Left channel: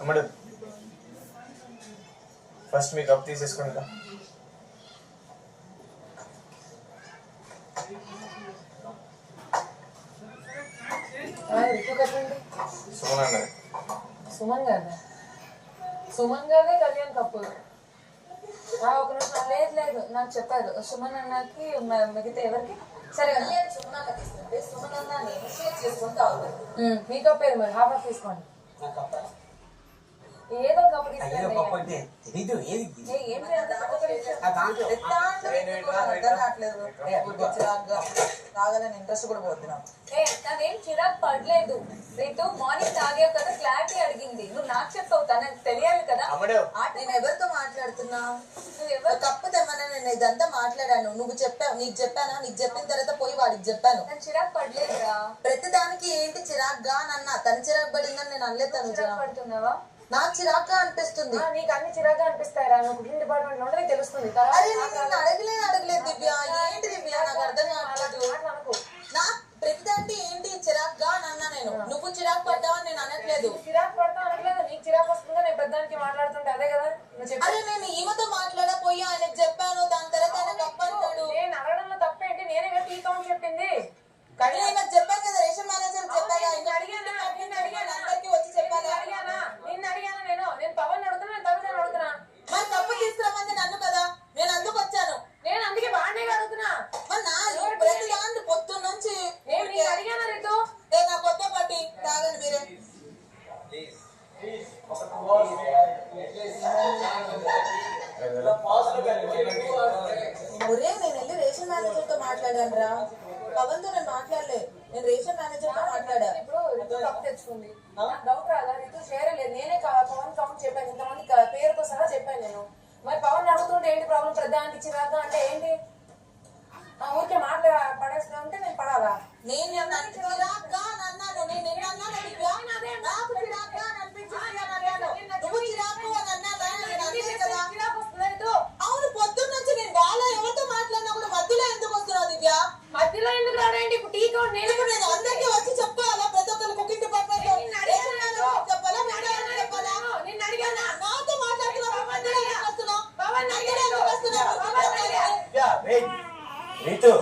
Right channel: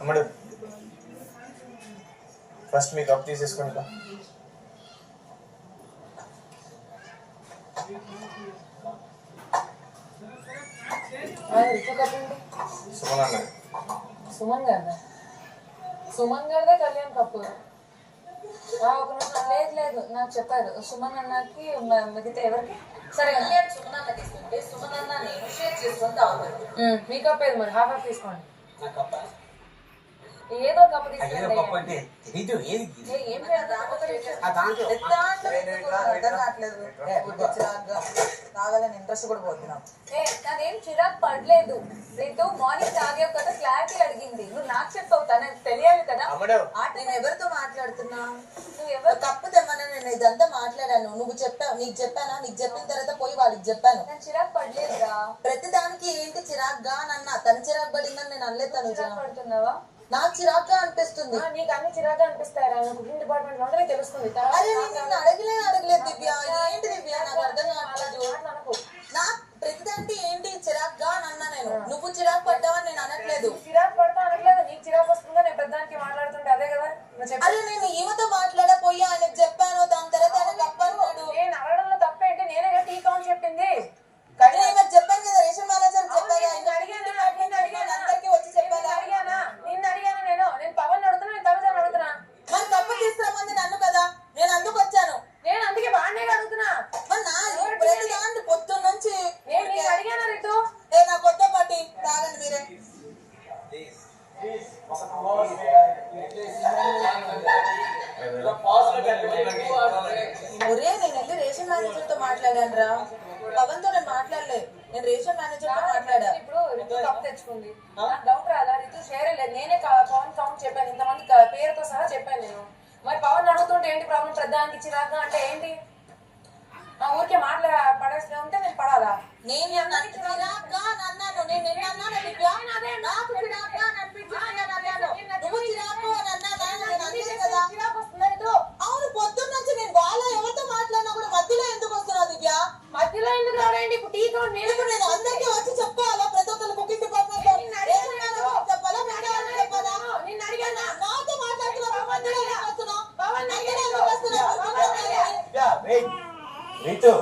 అమ్మడు ఫస్ట్ మీ కప్ తీసేసుకుంటా. సుమన్ అన్నది. సుమన్ గారు సుమన్ గారే కళ్యాణ్ కపూర్. ఒక నిమిషం. లేదు లేదు నాకు చెప్పారు సుమన్ అన్నకి మిగతా ఎవరికి సరే సుమన్ అన్నకి ఇస్తుంటే సుమన్ అన్న నేను షేర్ చేసుకొని తాగుతాను. మీ కప్ ఏది మరి హాఫ్ తీసుకోండి. ఏదో కప్పు తీసుకోండి. తాగాలని ఇంట్రెస్ట్ కూడా పోతున్నాం. నాదేం చిరాకు పడలేదు. రేపు మార్నింగ్ తాగేవు కదా క్లారిటీ అడిగింది. నువ్వు నాకు చెప్తావు తనకు తెలియాలి కదా. నేను ఎవరితో మాట్లాడుతున్నా? నువ్వు ఎవరు కప్పు తెమ్మన్నా నేను ఇదంతా మాట్లాడాను. నువ్వు చెప్పావు. నీకు చెప్పానా? నీకు చెప్పిన తర్వాత పోయి వాడికి చెప్పాను. నేను చిరాకు పడలేదురా. ప్రతి దానికి ఏంటి చిరాకుగా నన్న తను చిరాకు పడిందని నేను అనలేదు. తను చిరాకు పడుతున్నావా? నాకు చిరాగ్గా అనిపిస్తుంది. నీకు అన్ని చిరాగ్గా అనిపిస్తాయరా? నువ్వు కుకింగ్ డిపార్ట్మెంట్ లోనే తెలుస్తుంది. అడగలేదు దివ్య. ఏంటి దివ్య నాకు అర్థం కావట్లేదు. నా ప్రతిదాంటి ఏంటి చిరాగ్గా అని అన్నా నేను. నువ్వు చిరాకు పడ్డావని నేను అనట్లేదు. చిరాకు పడతా అనట్లేదు. నీకు చిరాకు వస్తుందా నేను పెద్దానికి మాట్లాడుతుంటే? అదే కదా అదే నేను ఈమెతో మాట్లాడపోయి ఆయనకు చెప్పాను. దాని తర్వాత ఆయన తప్పన్నాడు. నేను అడగడంలో తప్పేంటి? నేనే టీ కౌంట్ చెప్పింది. నాకు చెప్పాను కదా రేషన్ మేనేజర్ చెప్పాను. అందరికి వచ్చి చెప్పాను. నిన్ను అడిగాను నేను పవన్ అడుగుతున్నా. నేను తమిళ అడుగుతున్నా. మరి తప్పు తీసుకురామంది నన్ను కదా. నేను అందుకు వచ్చాను. నేను అందుకే బాగానే అడుగుతున్నా. మరి నా ప్రతి దాన్ని పొద్దున్న నుంచి నేను అడిగాను. రీతు నా కొత్త పార్టీ తాగండి మీరే. ఒరే నేను వెళ్ళి రేషన్ మేనేజర్ తో మాట్లాడాను రా. పవన్ తో నేను మాట్లాడలే. నేను రేషన్ మేనేజర్ తో మాట్లాడా. ఇప్పుడు రితు కప్పు తెచ్చుకుంది. డౌట్ రాదా? రితు షేర్ లేదు. నేనే పవన్ కౌంట్ చెప్పాను. ఇంతమంది పేరుతో సహా చెప్పాను నేను. మరి పవన్ అడుగుతుంటే ఏంటి ప్రాబ్లం? ప్రధానికి చిరాగా అంటే ఏంటి? ఊరికే మాటలు పడేస్తా ఉంటే నేను పడాలా? నేను చిరాగ్గా అన్నాను. నేను నిన్న అన్నాను. నాకు చిరాగ్గా నువ్వు చిరాకు అని అన్నా కదా. అవును పొద్దున్న నుంచి నేను బాగా ఎవరితో మాట్లాడినా కూడా మధ్యలో ఎందుకు వస్తున్నావు దివ్య? మధ్యలో ఎందుకు రాడండి? ఇప్పుడు టీ కౌంట్ నేను అందరికీ వచ్చి చెప్పుకోవాలా? ప్రతి ఒక్కరు కుకింగ్ డిపార్ట్మెంట్ చెప్పాలా? చెప్పాలా? నిన్ను అడిగానా? నాతో మాట్లాడుతున్నావు. రీతు